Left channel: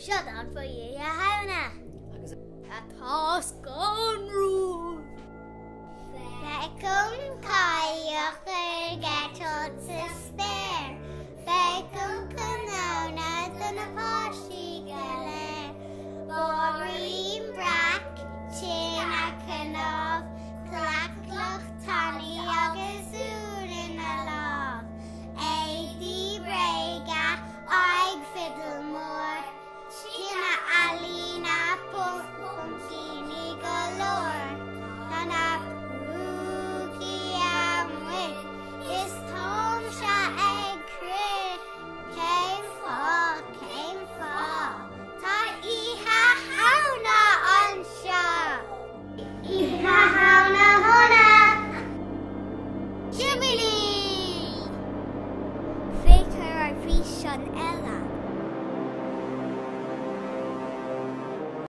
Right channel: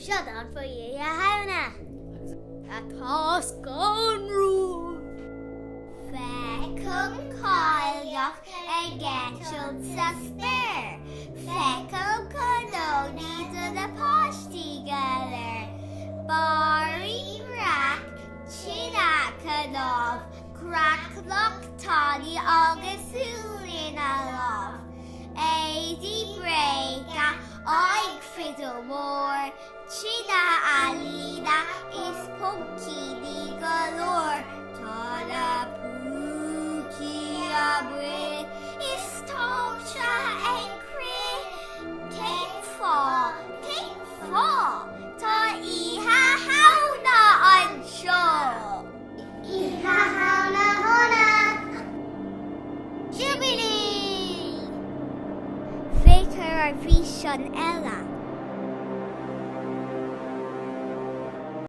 Siadán fa é a hena atá gan rú Fecum caiach getod sa spare. Fecum canona dyn y posti galer. Bori rac, chin ac ynof, crac loch tali agus urin alof. Eidi brega, oig fiddle more, china alina is pumpkini galore. Tana pookie abrid, is tosha egg crit. Came fall, ta iha hauna on show. Iha hauna hona. Jubilee! Faker ar bhí sin eile.